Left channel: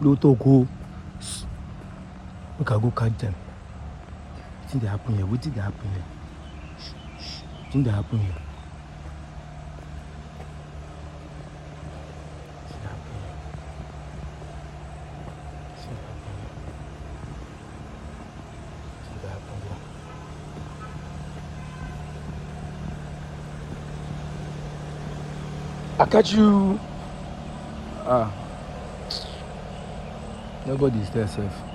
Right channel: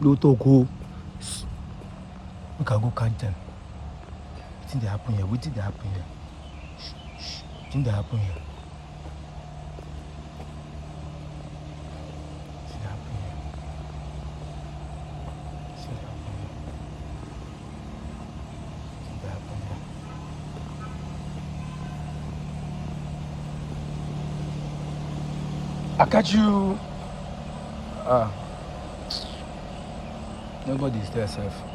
No talk, oh. Look at go count them. Wetin dey happen here? Wetin dey happen here? Wetin dey happen here? I catch you. Nobody is there, safe.